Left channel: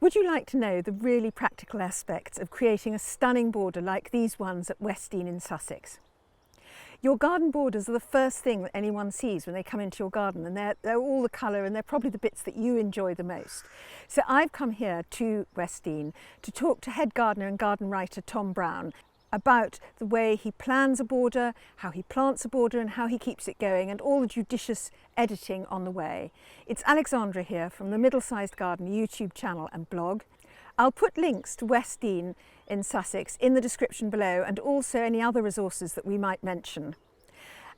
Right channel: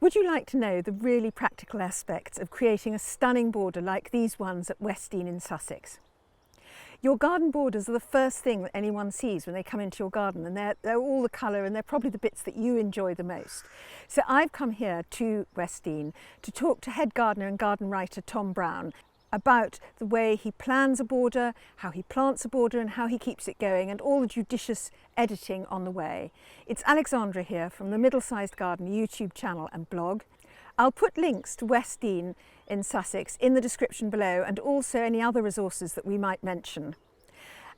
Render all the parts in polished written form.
Would you like to know the really practical aspects of creating a stunning border like these ones at Westdean in Sussex? Your garden borders are the first thing that anyone sees when they come into your garden, and they're all the colour, and they're probably the bits that you enjoy the most. So I've come here to Westdean to talk to head gardener and garden writer Tom Brown about the way he plans a border, how he plants a border and how he keeps it going, and all the judicious editing on the way. It's Alexandra here from the Middle Sized Garden YouTube channel and blog. I'll put links to Westdean in Sussex in the description below, and also any other resources that we might mention.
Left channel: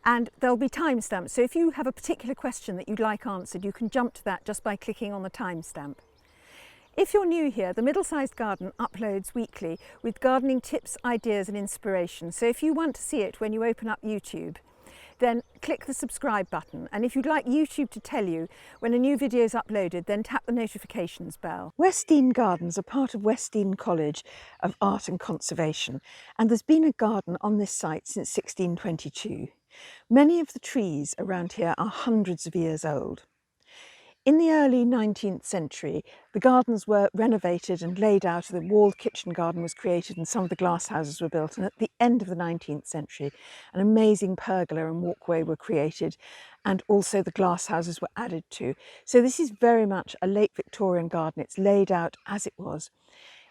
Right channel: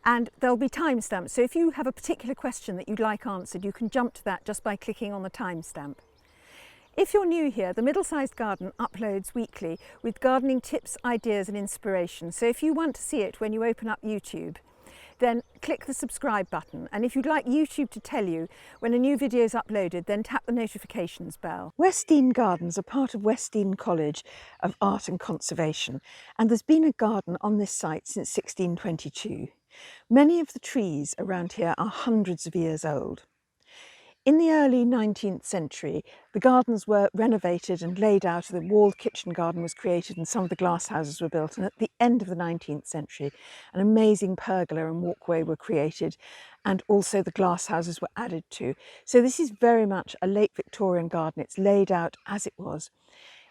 And there'll be timestamps, so if you have a particular question that you'd like answered, you can jump to that just by clicking on the timestamp. If you're new here, the Middle Sized Garden uploads weekly with gardening tips, ideas and inspiration. So if you want to see it when you open up YouTube, then click the subscribe button. And if you'd like YouTube to tell you when a new video is uploaded, then tap the notifications bell. Westdean Gardens are part of Westdean College of Art and Conservation, and there's been a garden on this site since 1622. Many of the trees around here are hundreds of years old. In the early 19th century, the gardens were renovated and laid out. The walled kitchen garden was created and some of the glass houses were built. And at the end of the 19th century, an amazing pergola and walkway were created, and also the glass houses were added to. So this is very much a late Victorian garden. It's laid out as it was.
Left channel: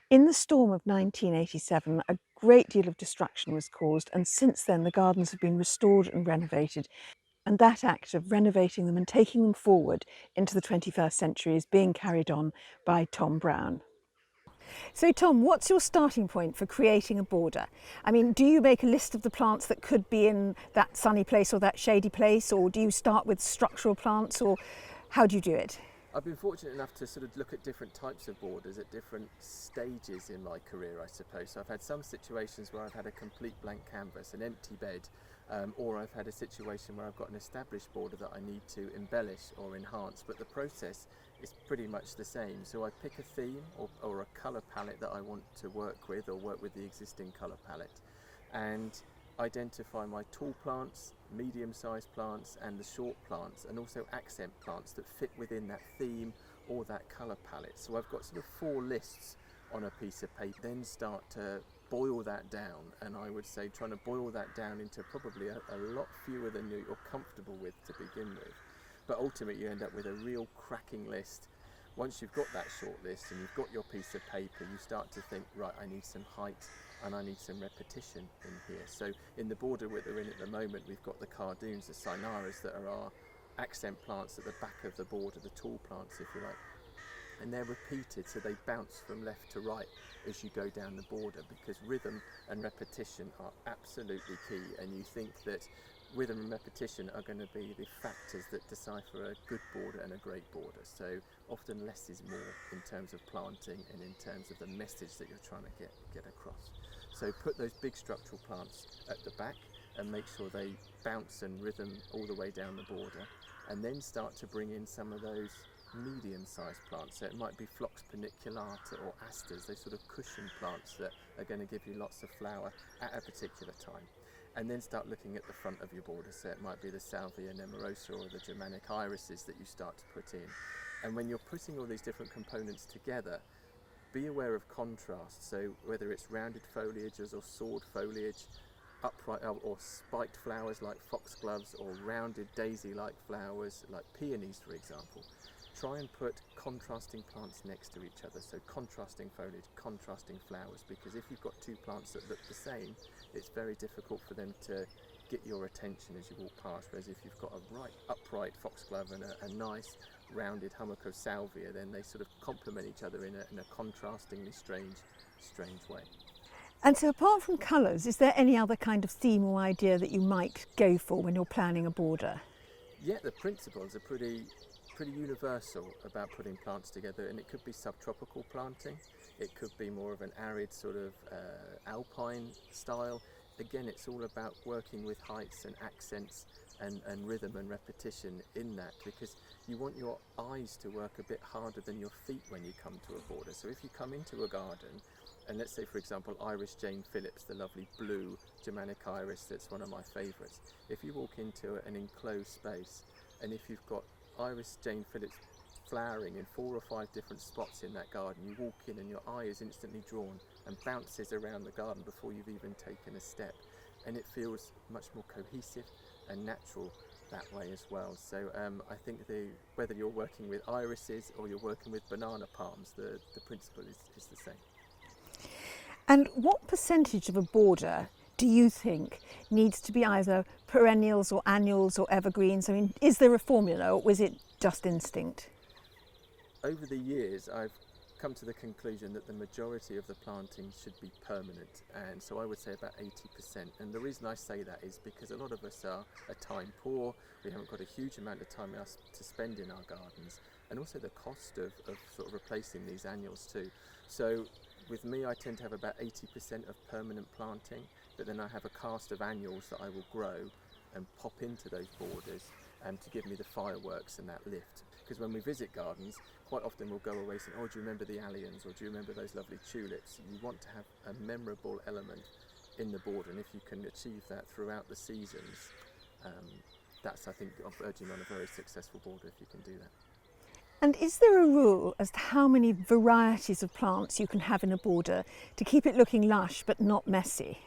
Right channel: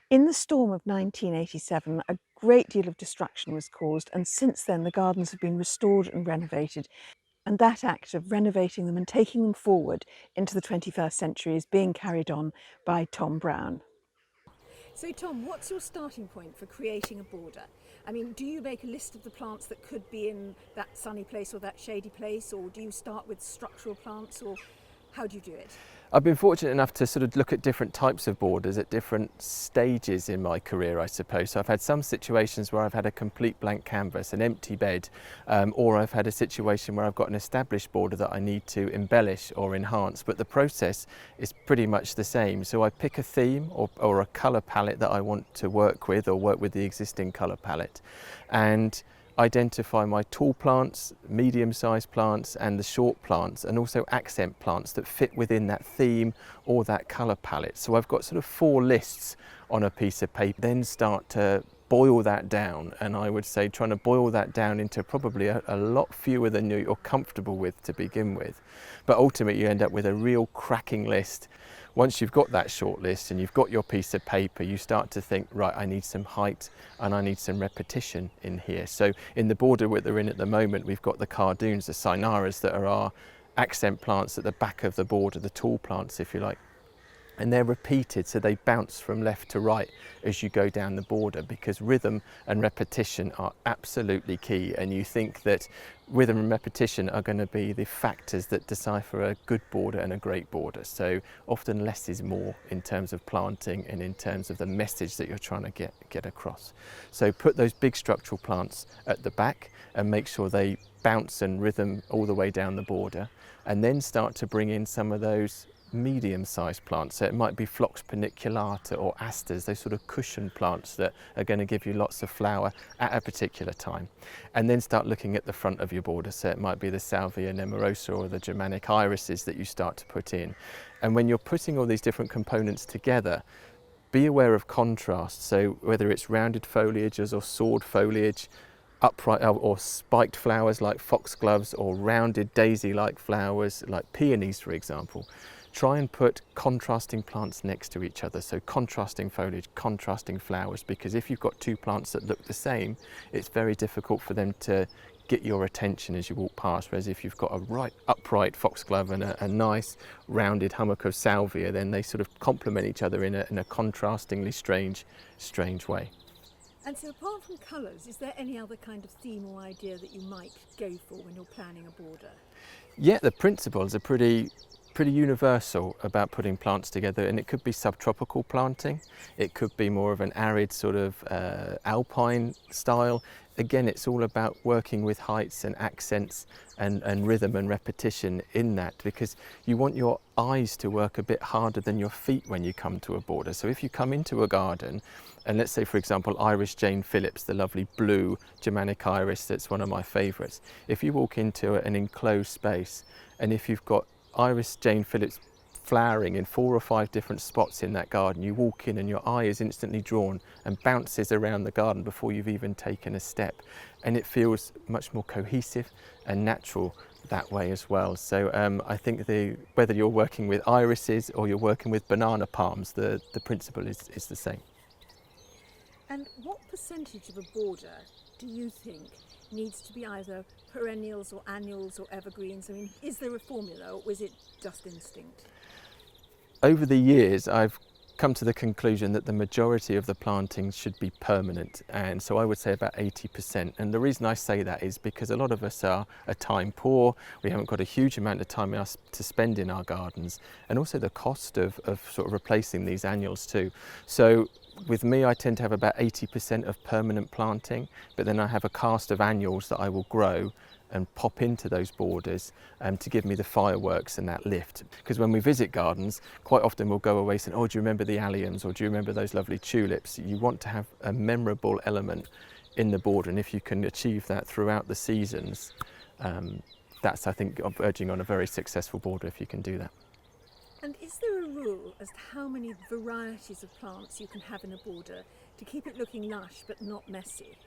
In the storm of 1987, a great deal of destruction was caused, and since then the gardens have been restored and renovated. And that act of renovating them and taking them forward into the 21st century is being carried on by Tom Brown. So Tom, what's your starting point for creating a border? I mean, do you make a list of the plants that could be in that sunny place or that shady place, or do you start with structural plants, or how do you do it? I've been fortunate enough to sort of look at different types of borders at different stages in my career, I suppose. So I've had some situations where I've had a complete blank canvas, an empty bed, or I've had a situation where I've got an established border that I need to embellish or enhance, but the process is pretty much the same. So I pick a theme or a colour palette that I want to work with, or work with the existing colour palette, and identify my tall plants, medium-sized plants and the short plants, and also accent plants that fit within that theme or that colour palette. So I've got sort of 4 lists on a piece of paper, then start to boil that down, and I would say trying to boil that down into probably a lot fewer than you're comfortable with to begin with. But ultimately you end up with a real cracking list. Once you've got that short list and you've got your piece of paper, you start to think, right, I need some height and I need some repetition in here. So in the border that they're in at the moment, we've got the cardoons, the cynaras, that are our accent plants at the back of the border, the tall plants, if you like. And they're repeated, so they bounce from left to right as you go down the border, because rhythm and repetition are absolutely key. And you think that rhythm and repetition are going to be the factors that decipher a good border and a great border. So often less is more in terms of planting and in terms of the message that you're trying to get across. So put those big structural plants at the back and make sure they bounce and rhythm all the way down the border, and then start to bring in some of those medium-sized plants. So it might be Phlox paniculata or asters, those sort of cushion plants that are going to give you lots of flower at a particular time. And then start looking at the front of your border. So it might be the Salvia nemorosa or the Germanic irises that you start to put in. And when you're putting all these different components together, be aware of contrast. So whether it's rounded foliages or sword foliage, upright or spiked flowers like foxgloves, or rounded daisy-like flowers like peonies, for example. Try and put contrasting plants next to each other, so contrasting foliage, contrasting flowers, because if you've got 2 plants that look the same, it's very difficult for them to get your attention as you walk past, whereas if you've got a right upright foxglove and a nice rounded hummock of salvia, then they sort of complement each other in a contrastingly strange way. And so apart from colours, is there any other kind of theme or idea that you might go for when you're planning a border? Yeah, the principles are pretty universal about putting plants together, and it could be subtropical planting, it could be more of an arid sort of alpine style. Again, it's all about working with heights and accents and rhythm and repetition in that, because you want your eyes to work a bit harder than your feet when you come to a border. So if you come into a garden, and let's say for example Iris Jane Phillips, the lovely blue Germanic iris that's one of my favourites, if you walk into an enclosed space and if you've got Iris Jane Phillips flowering in 4 or 5 different spots in that garden. You walk in and your eye is instantly drawn and bounces around the garden before you've even taken a step. And it feels much more cohesive and natural that way as well. So I think whether you're working with irises or you're working with banana palms, the principle is the same. And what percentage of a border do you think needs to be either perennials or annuals or evergreens? I mean, is there a formula, or is it just instinct? Over the years, I've come to the conclusion that the majority of the plantings should be permanent, and so I would say about 80%. And the reason I say that is because a lot of us are time poor, we haven't got a huge amount of time to spend in our gardens, and also the cost of sort of replacing these annuals too. So with me, I tend to have about 80% of permanent planting, but then I have a cast of annuals that I will grow and pop into those borders to give me the fireworks and that lift. Because when we visit gardens, quite often we'll go away saying, oh, do you remember the alliums, or do you remember those lovely tulips? You want to have a memorable element in the border, and if you can achieve that throughout the seasons, that's, I think, verging on a very successful border if you can do that. And is there a rule as to how many varieties of plants you can have in a border to keep it looking lush but not messy?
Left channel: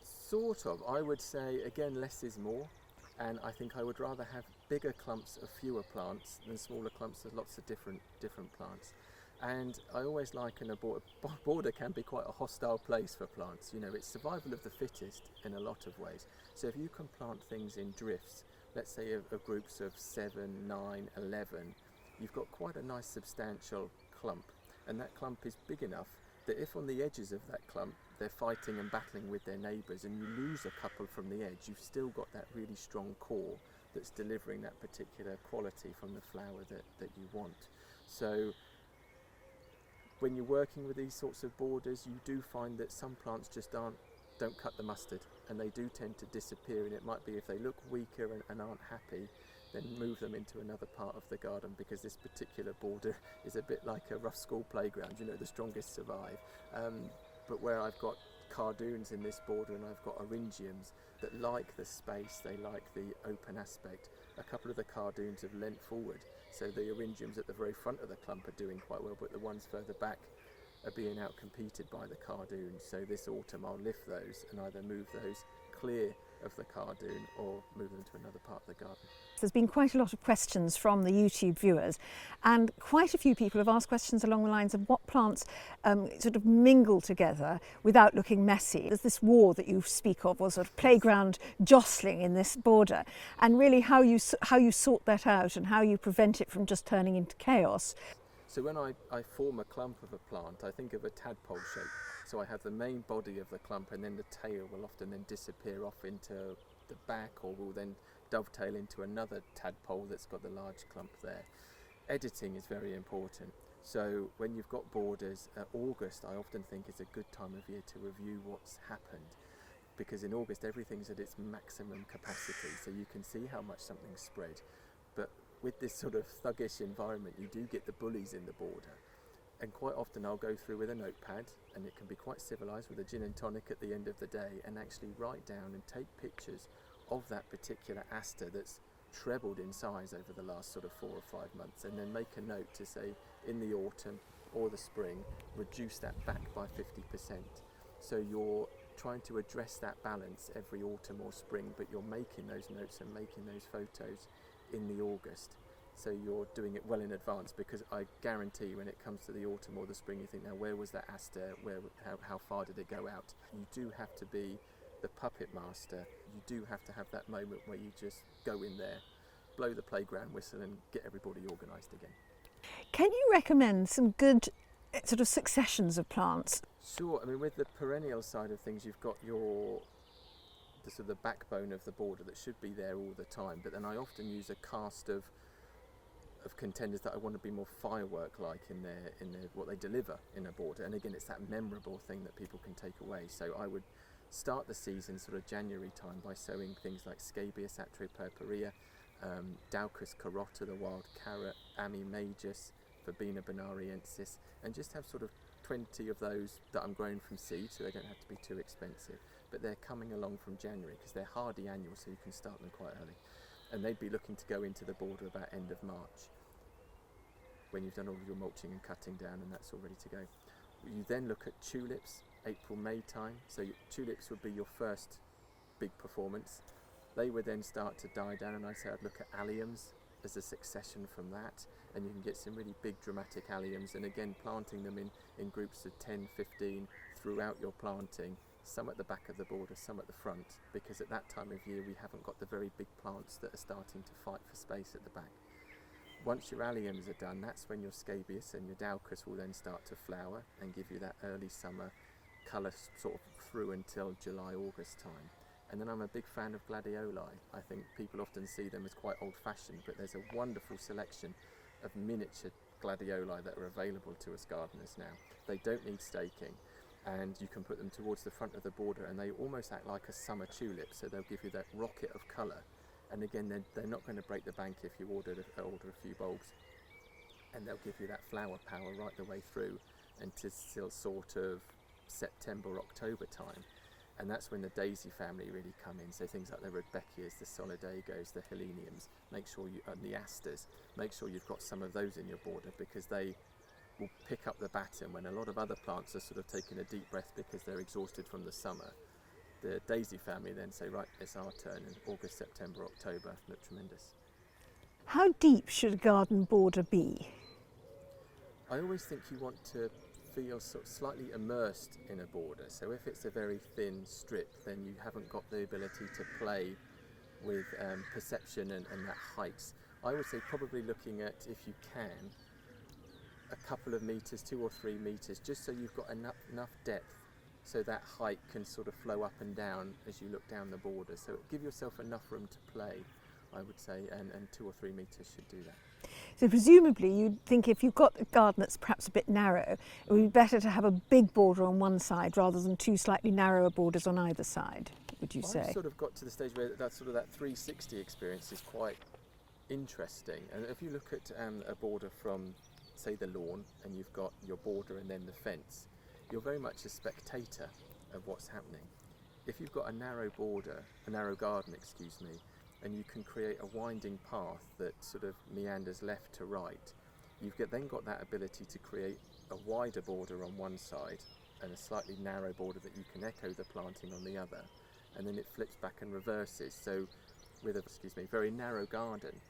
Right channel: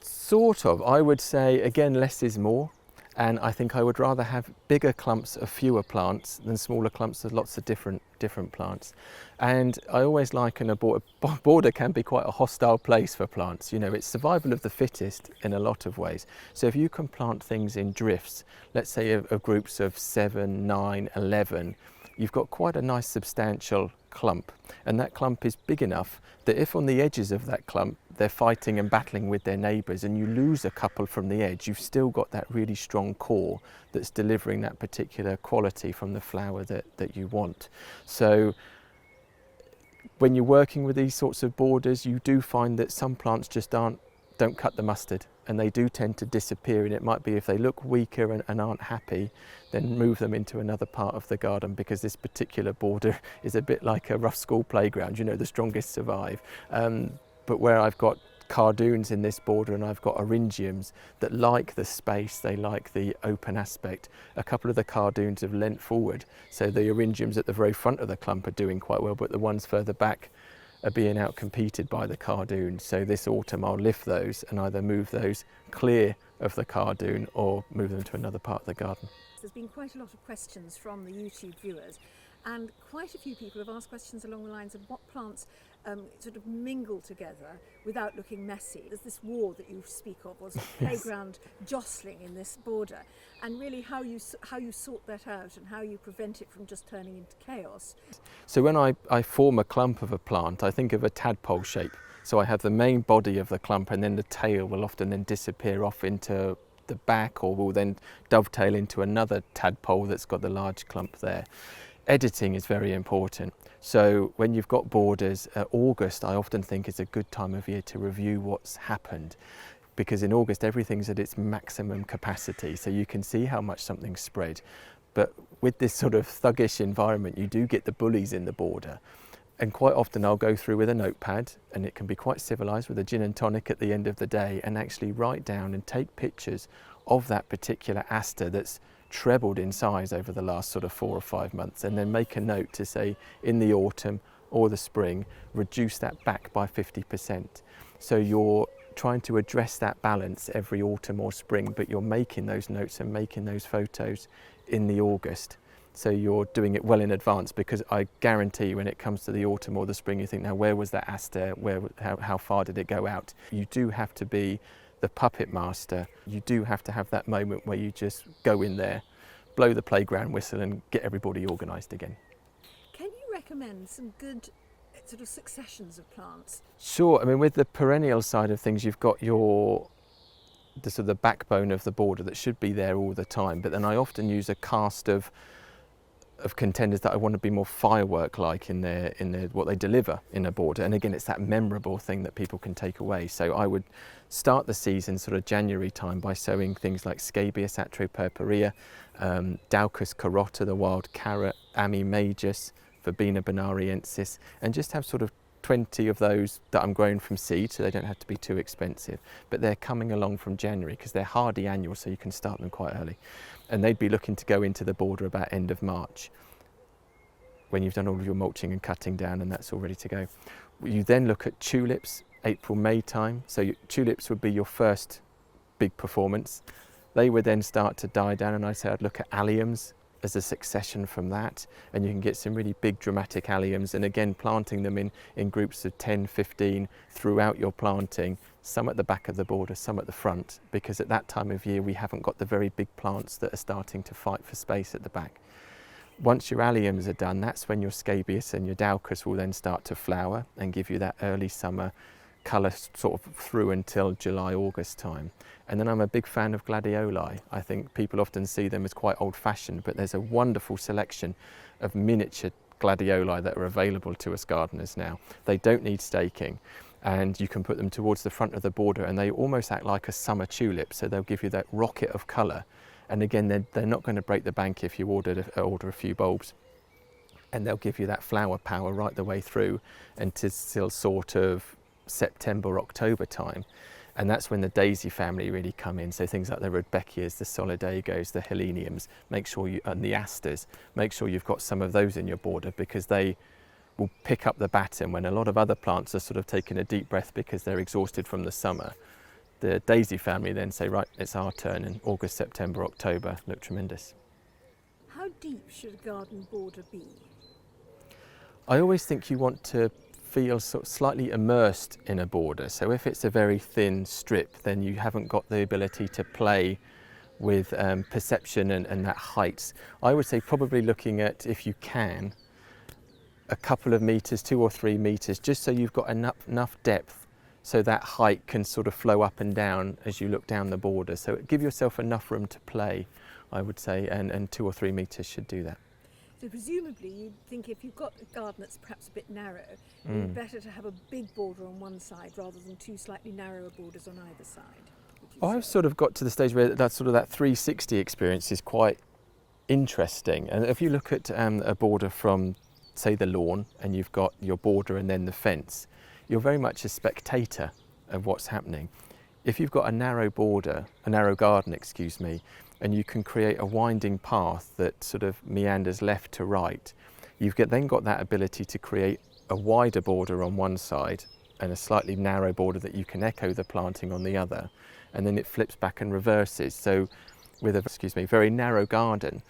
Sort of. I would say, again, less is more, and I think I would rather have bigger clumps of fewer plants than smaller clumps of lots of different plants. And I always liken a border can be quite a hostile place for plants. You know, it's survival of the fittest in a lot of ways. So if you can plant things in drifts, let's say of groups of 7, 9, 11, you've got quite a nice substantial clump, and that clump is big enough that if on the edges of that clump they're fighting and battling with their neighbours and you lose a couple from the edge, you've still got that really strong core that's delivering that particular quality from the flower that you want. So when you're working with these sorts of borders, you do find that some plants just don't cut the mustard, and they do tend to disappear. And it might be if they look weaker and aren't happy, then move them into another part of the garden, because this particular border is a bit like a rough school playground. You know, the strongest survive. But where I've got cardoons in this border and I've got eryngiums that like the space, they like the open aspect, a couple of the cardoons have leant forward, so the eryngiums at the very front of the clump are doing quite well, but the ones further back are being outcompeted by the cardoons. So this autumn I'll lift those and either move those clear of the cardoon or move them to another part of the garden. There's been quite a lot of questions from the YouTube viewers, and quite a few people have asked questions along the lines of what plants sort of mingle together without looking messy. There's this war that you speak of, or sort of playground jostling in this border, and really how you sort that out and how you prevent it from just turning into chaos. So when I form a clump of a plant, I think of a tadpole shape. So I have the main body of the clump, and then the tail will often then disappear off into the back, or will then dovetail into another tadpole that's got the large clump there. Editing is very important. So when you've got borders, August I often think is a good time of year to review what's happened, because in August everything's at its maximum capacity, so you can see how much something's spread. But with this sort of thuggish environment, you do get the bullies in the border. And quite often I'll go through with a notepad, and it can be quite civilised, with a gin and tonic at the end of the day, and actually write down and take pictures of that particular aster that's trebled in size over the last sort of 4 or 5 months, and then make a note to say in the autumn or the spring, reduce that back by 50%. So you're trying to address that balance every autumn or spring, but you're making those notes and making those photos in the August. So you're doing it well in advance, because I guarantee when it comes to the autumn or the spring, you think, now where was that aster? How far did it go out? You do have to be the puppet master. You do have to have that moment where you just go in there, blow the playground whistle and get everybody organised again. Can you recommend some good sort of successions of plants? Sure. I mean, with the perennial side of things, you've got the sort of the backbone of the border that should be there all the time, but then I often use a cast of contenders that I want to be more firework-like in their what they deliver in a border. And again, it's that memorable thing that people can take away. So I would start the season sort of January time by sowing things like Scabious atropurpurea, Daucus carota, the wild carrot, Ami majus, Verbena bonariensis, and just have sort of 20 of those that I'm growing from seed, so they don't have to be too expensive. But they're coming along from January because they're hardy annuals, so you can start them quite early. And they'd be looking to go into the border about end of March. when you've done all of your mulching and cutting down and that's all ready to go. You then look at tulips, April, May time. So tulips would be your first big performance. They would then start to die down, and I'd say I'd look at alliums as a succession from that, and you can get some really big dramatic alliums, and again planting them in groups of 10, 15 throughout your planting, some at the back of the border, some at the front, because at that time of year we haven't got the very big plants that are starting to fight for space at the back. Once your alliums are done, that's when your scabious and your daucus will then start to flower and give you that early summer colour sort of through until July, August time. And then I'm a big fan of gladioli. I think people often see them as quite old-fashioned, but there's a wonderful selection of miniature gladioli that are available to us gardeners now. They don't need staking, and you can put them towards the front of the border, and they almost act like a summer tulip, so they'll give you that rocket of colour. And again, they're not going to break the bank if you order a few bulbs, and they'll give you that flower power right the way through until sort of September, October time. And that's when the daisy family really come in. So things like the Rudbeckias, the Solidagos, the Heleniums, make sure and the Asters, make sure you've got some of those in your border, because they will pick up the baton when a lot of other plants are sort of taking a deep breath because they're exhausted from the summer. The daisy family then say, right, it's our turn, and August, September, October look tremendous. How deep should a garden border be? I always think you want to feel sort of slightly immersed in a border. So if it's a very thin strip, then you haven't got the ability to play with perception and that height. I would say probably looking at, if you can, a couple of metres, 2 or 3 metres, just so you've got enough depth so that height can sort of flow up and down as you look down the border. So give yourself enough room to play, I would say, and 2 or 3 metres should do that. So presumably you'd think if you've got a garden that's perhaps a bit narrow, it would be better to have a big border on one side rather than 2 slightly narrower borders on either side, would you say? I've sort of got to the stage where that 360 experience is quite interesting. And if you look at a border from, say, the lawn, and you've got your border and then the fence, you're very much a spectator of what's happening. If you've got a narrow border, a narrow garden, excuse me, and you can create a winding path that sort of meanders left to right, you've then got that ability to create a wider border on one side and a slightly narrow border that you can echo the planting on the other, and then it flips back and reverses. So with a very narrow garden,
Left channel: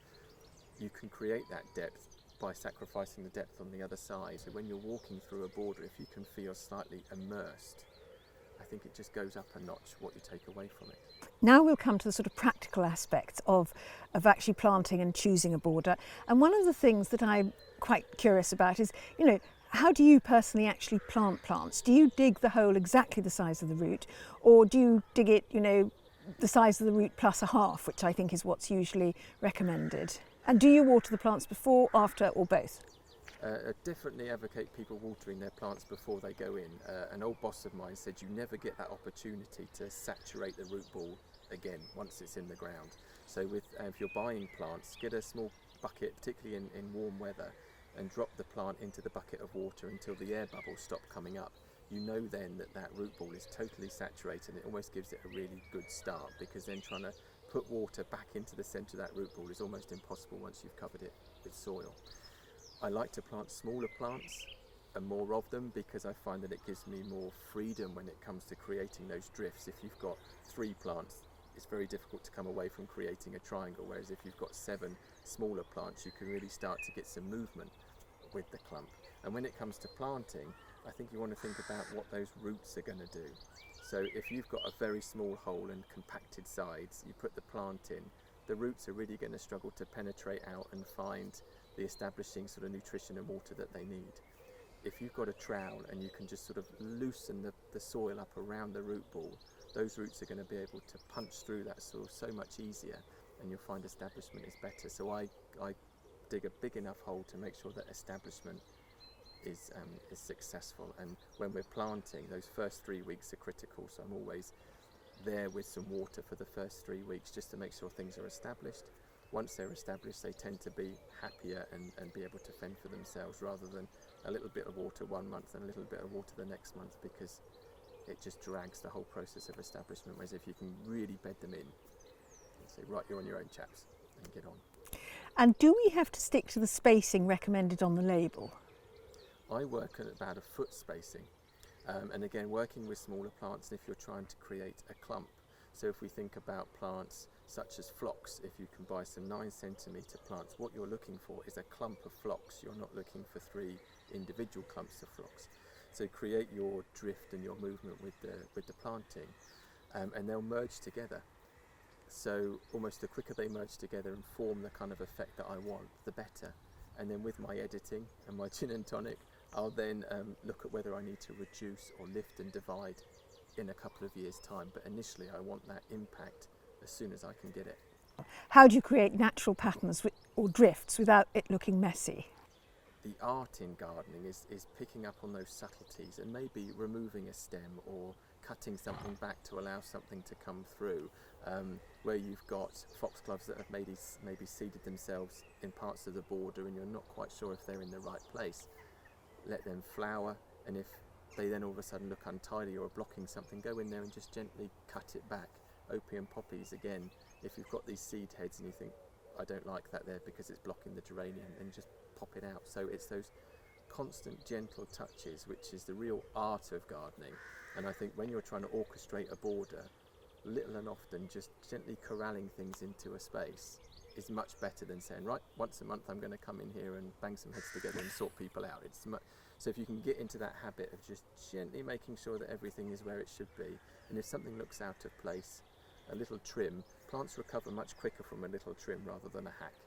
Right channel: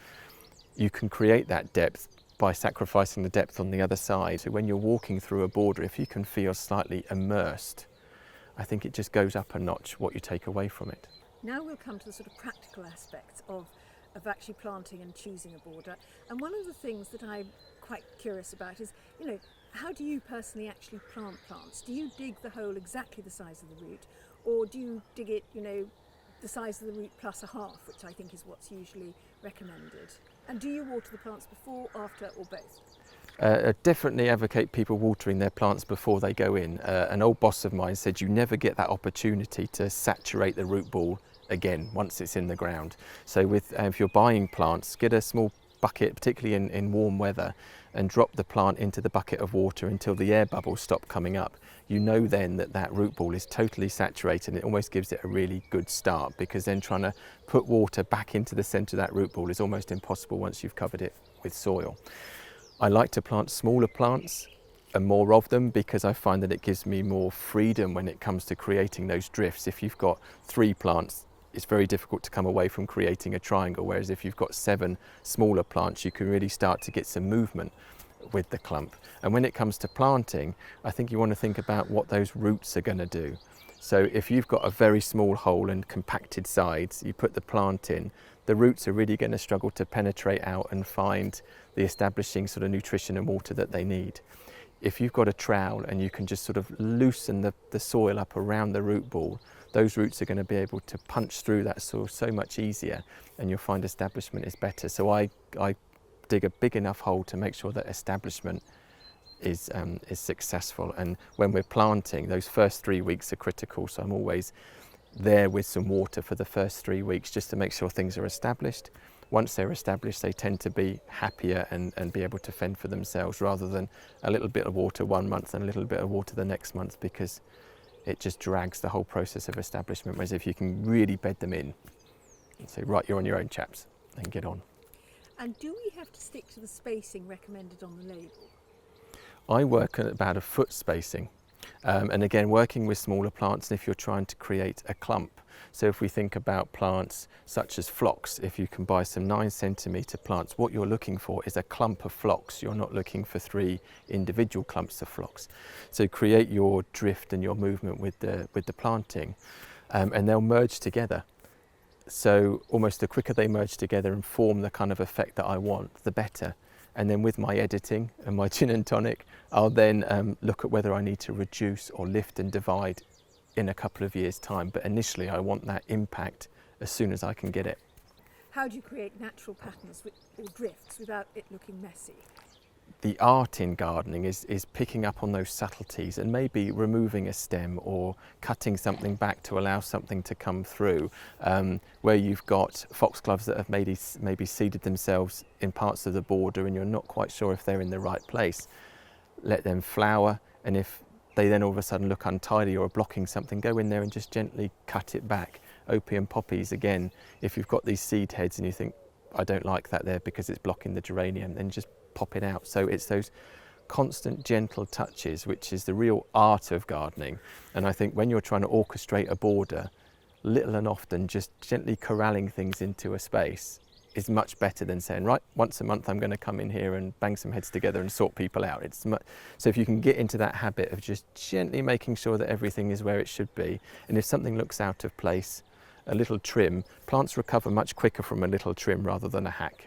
you can create that depth by sacrificing the depth on the other side. So when you're walking through a border, if you can feel slightly immersed, I think it just goes up a notch what you take away from it. Now we'll come to the sort of practical aspects of actually planting and choosing a border. And one of the things that I'm quite curious about is, how do you personally actually plant plants? Do you dig the hole exactly the size of the root, or do you dig it, the size of the root plus a half, which I think is what's usually recommended? And do you water the plants before, after, or both? I definitely advocate people watering their plants before they go in. An old boss of mine said you never get that opportunity to saturate the root ball again once it's in the ground. So if you're buying plants, get a small bucket, particularly in warm weather, and drop the plant into the bucket of water until the air bubbles stop coming up. You know then that root ball is totally saturated, and it almost gives it a really good start, because then trying to put water back into the centre of that root ball is almost impossible once you've covered it with soil. I like to plant smaller plants and more of them, because I find that it gives me more freedom when it comes to creating those drifts. If you've got 3 plants, it's very difficult to come away from creating a triangle, whereas if you've got 7 smaller plants, you can really start to get some movement with the clump. And when it comes to planting, I think you want to think about what those roots are going to do. So if you've got a very small hole and compacted sides, you put the plant in, the roots are really going to struggle to penetrate out and find the establishing sort of nutrition and water that they need. If you've got a trowel and you can just sort of loosen the soil up around the root ball, those roots are going to be able to punch through that soil so much easier, and you'll find establishment is better. So I dig a big enough hole to make sure that establishment is successful. And when we're planting, those first 3 weeks are critical, so I'm always there with some water for the first 3 weeks just to make sure things are established. Once they're established, they tend to be happier and be able to fend for themselves, rather than a little bit of water one month and a little bit of water the next month, because it just drags the whole process of establishment. Whereas if you can really bed them in and say, right, you're on your own, chaps, and get on. And do we have to stick to the spacing recommended on the label? I work at about a foot spacing. And again, working with smaller plants, if you're trying to create a clump. So if we think about plants such as phlox, if you can buy some 9 centimetre plants, what you're looking for is a clump of phlox. You're not looking for 3 individual clumps of phlox. So create your drift and your movement with the planting, and they'll merge together. So almost the quicker they merge together and form the kind of effect that I want, the better. And then with my editing and my gin and tonic, I'll then look at whether I need to reduce or lift and divide in a couple of years' time. But initially I want that impact as soon as I can get it. How do you create natural patterns or drifts without it looking messy? The art in gardening is picking up on those subtleties and maybe removing a stem or cutting something back to allow something to come through. Where you've got foxgloves that have maybe seeded themselves in parts of the border and you're not quite sure if they're in the right place, let them flower, and if they then all of a sudden look untidy or are blocking something, go in there and just gently cut it back. Opium poppies, again, if you've got these seed heads and you think, I don't like that there because it's blocking the geranium, then just pop it out. So it's those constant gentle touches which is the real art of gardening. And I think when you're trying to orchestrate a border, little and often just gently corralling things into a space is much better than saying, right, once a month I'm going to come in here and bang some heads together and sort people out. So if you can get into that habit of just gently making sure that everything is where it should be, and if something looks out of place, a little trim, plants recover much quicker from a little trim rather than a hack.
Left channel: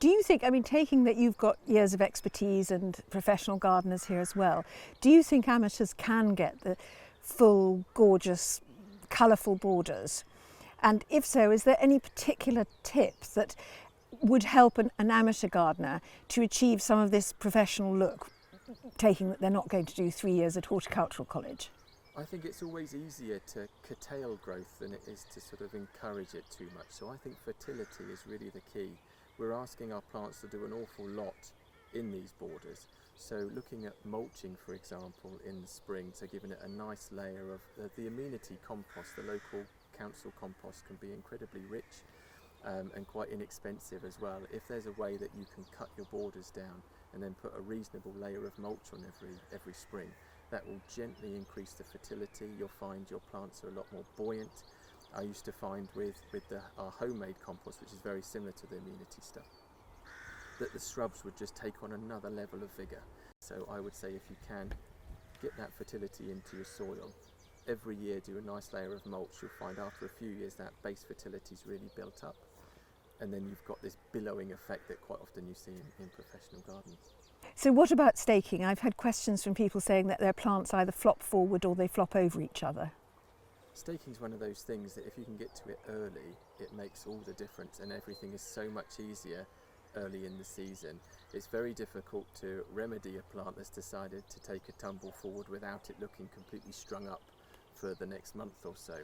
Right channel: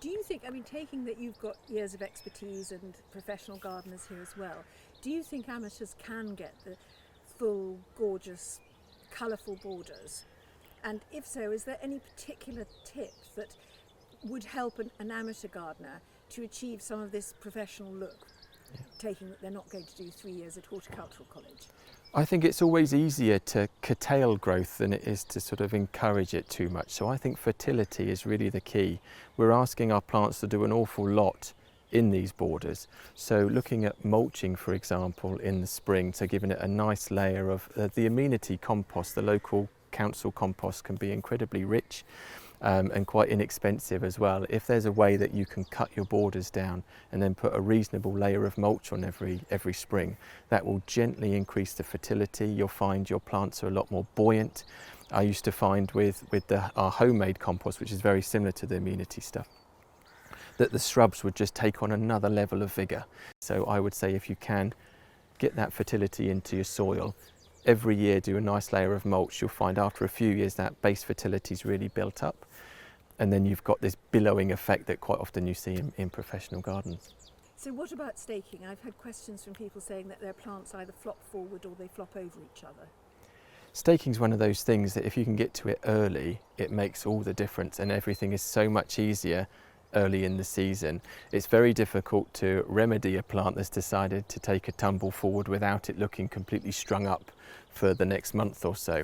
Do you think, I mean, taking that you've got years of expertise and professional gardeners here as well, do you think amateurs can get the full, gorgeous, colourful borders? And if so, is there any particular tip that would help an amateur gardener to achieve some of this professional look, taking that they're not going to do 3 years at horticultural college? I think it's always easier to curtail growth than it is to sort of encourage it too much. So I think fertility is really the key. We're asking our plants to do an awful lot in these borders. So looking at mulching, for example, in the spring, so giving it a nice layer of the amenity compost, the local council compost can be incredibly rich and quite inexpensive as well. If there's a way that you can cut your borders down and then put a reasonable layer of mulch on every spring, that will gently increase the fertility. You'll find your plants are a lot more buoyant. I used to find with our homemade compost, which is very similar to the amenity stuff, that the shrubs would just take on another level of vigour. So I would say if you can get that fertility into your soil, every year do a nice layer of mulch, you'll find after a few years that base fertility is really built up. And then you've got this billowing effect that quite often you see in professional gardens. So what about staking? I've had questions from people saying that their plants either flop forward or they flop over each other. Staking is one of those things that if you can get to it early, it makes all the difference, and everything is so much easier early in the season. It's very difficult to remedy a plant that's decided to take a tumble forward without it looking completely strung up for the next month or so.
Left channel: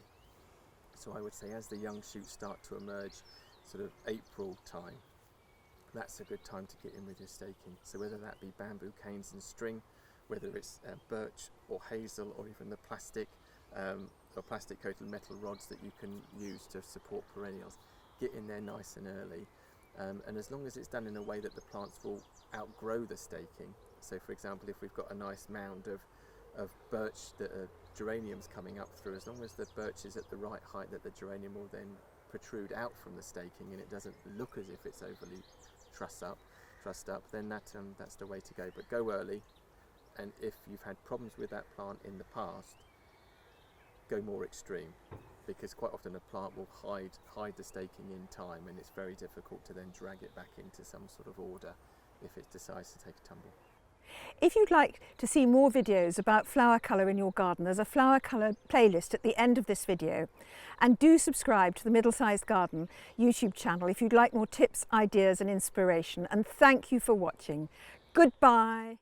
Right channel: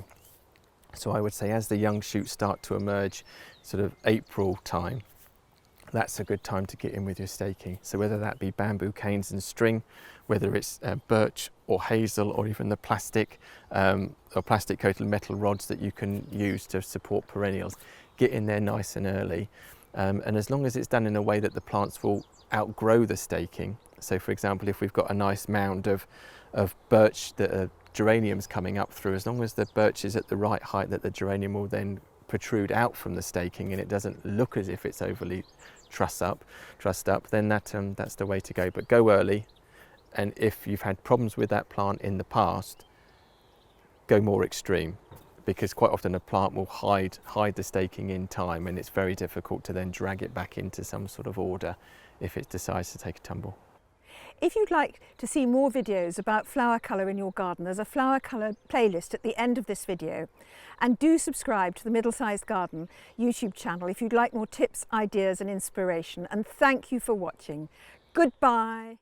So I would say as the young shoots start to emerge, sort of April time, that's a good time to get in with your staking. So whether that be bamboo canes and string, whether it's birch or hazel or even the plastic or plastic coated metal rods that you can use to support perennials, get in there nice and early. And as long as it's done in a way that the plants will outgrow the staking, so for example if we've got a nice mound of birch that are geraniums coming up through, as long as the birch is at the right height that the geranium will then protrude out from the staking and it doesn't look as if it's overly trussed up, then that's the way to go. But go early, and if you've had problems with that plant in the past, go more extreme, because quite often a plant will hide the staking in time, and it's very difficult to then drag it back into some sort of order if it decides to take a tumble. If you'd like to see more videos about flower colour in your garden, there's a flower colour playlist at the end of this video. And do subscribe to the Middle Sized Garden YouTube channel if you'd like more tips, ideas and inspiration. And thank you for watching. Goodbye.